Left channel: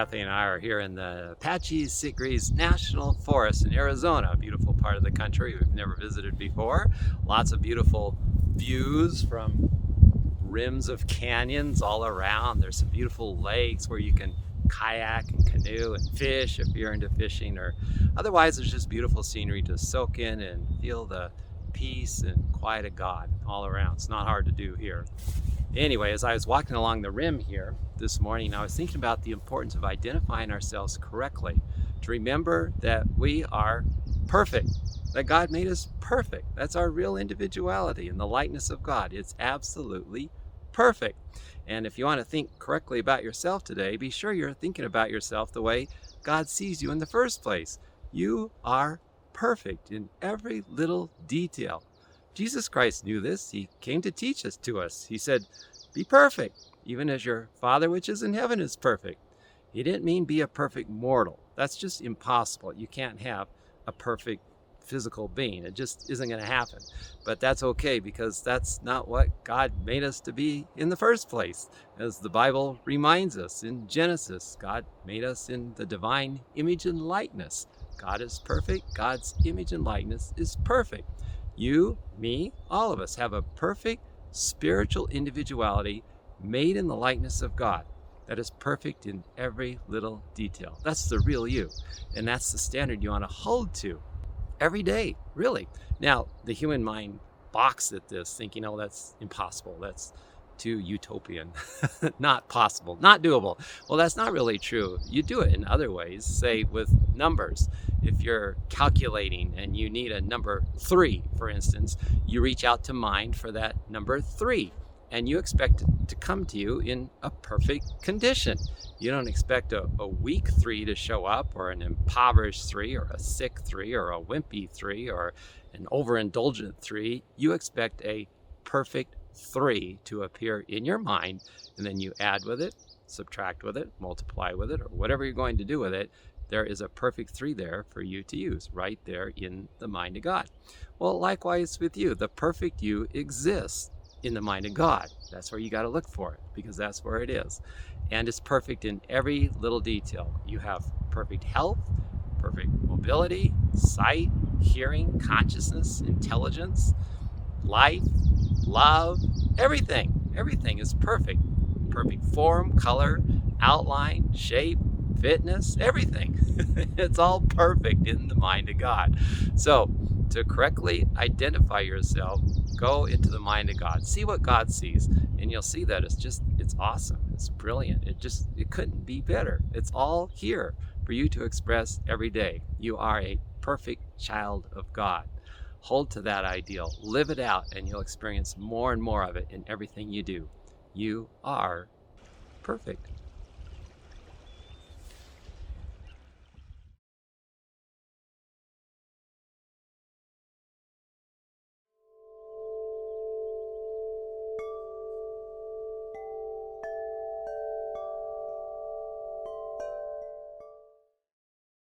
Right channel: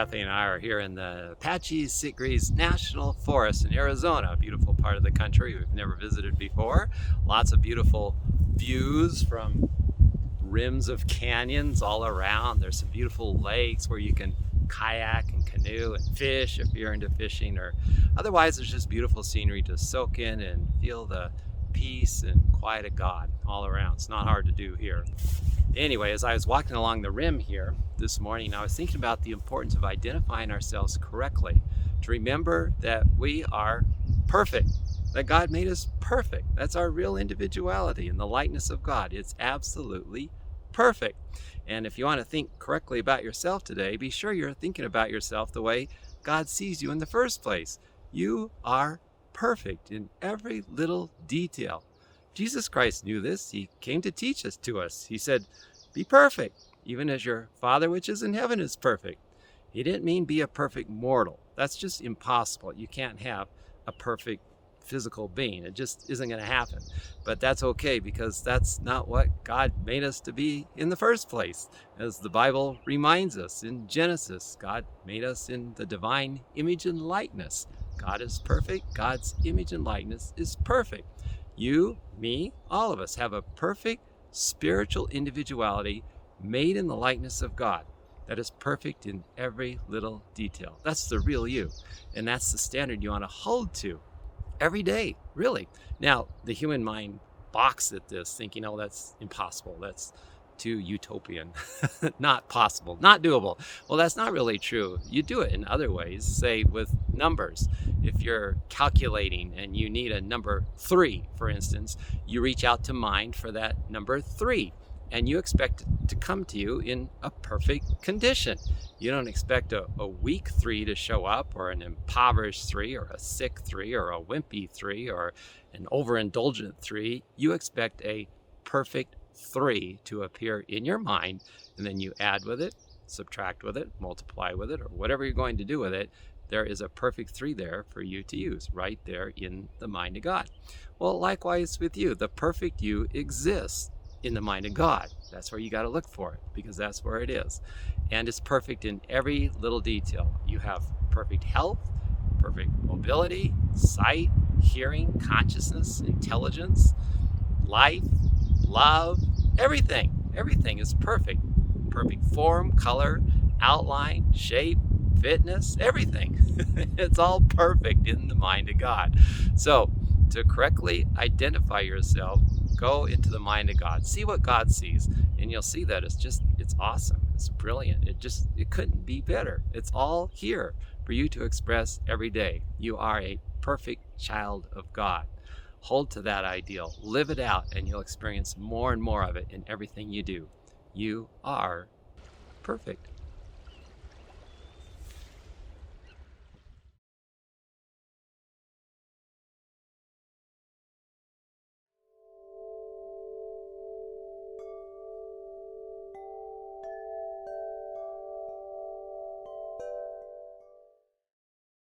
Kathy and I are here in the Apaches-Sitgreaves National Forest in Arizona, a beautiful part of the country we've never visited before. Lots of beautiful views from rims of canyons all around. There's some beautiful lakes where you can kayak and canoe and fish if you're into fishing, or otherwise there's just beautiful scenery to soak in and feel the peace and quiet of God all around. It's not hard to do here. Anyway, as I was walking along the rim here this morning, I was thinking about the importance of identifying ourselves correctly, to remember that we are perfect, that God made us perfect. That's our real individuality in the likeness of God. It's absolutely perfect. And if you want to think correctly about yourself today, be sure you're thinking about yourself the way God sees you in the first place. You are perfect in every little detail. Jesus Christ knew this. He came to teach us to us. He said, be perfect, even as your Father which is in heaven is perfect. He didn't mean be a perfect mortal. That's just impossible. You can't have a perfect physical being. It just isn't going to happen. But that's okay, because that's not what God made us to be in the first place. As the Bible reminds us in Genesis, God made us in the divine image and likeness. God is perfect. God's image and likeness is perfect. You, me, all of us have a perfect spiritual individuality made in the likeness of God that is perfect in every little detail. That's the real you, and that's the standard you want to hold to every day, really. Now, the human mind balks at this, thinking, oh, that's impossible. That's too utopian, not possible, not doable. Well, that's not really true. You do it in other ways, say with numbers. If you're calculating and you need a number 3, for instance, you reach out to mind for that number 3, and you expect it to come to you in a perfect condition. You don't expect a weak 3 to show up, or an impoverished 3, or a sick 3, or a wimpy 3, or an overindulgent 3. You expect a perfect 3 to appear in your mind, and then you add with it, subtract with it, multiply with it, or whatever you're going to do with it. There is a perfect 3 there for you to use, right there in the mind of God. Well, likewise with you, the perfect you exists in the mind of God. That's where you got to look for it, because that's where it is. And it's perfect in every little detail. You have perfect health, perfect mobility, sight, hearing, consciousness, intelligence, life, love, everything. Everything is perfect. Perfect form, color, outline, shape, fitness, everything. It's all perfect in the mind of God. So, to correctly identify yourself, go into the mind of God. See what God sees, and you'll see that it's awesome. It's brilliant. It couldn't be better. It's all here for you to express every day. You are a perfect child of God. Hold to that ideal, live it out, and you'll experience more and more of it in everything you do. You are perfect.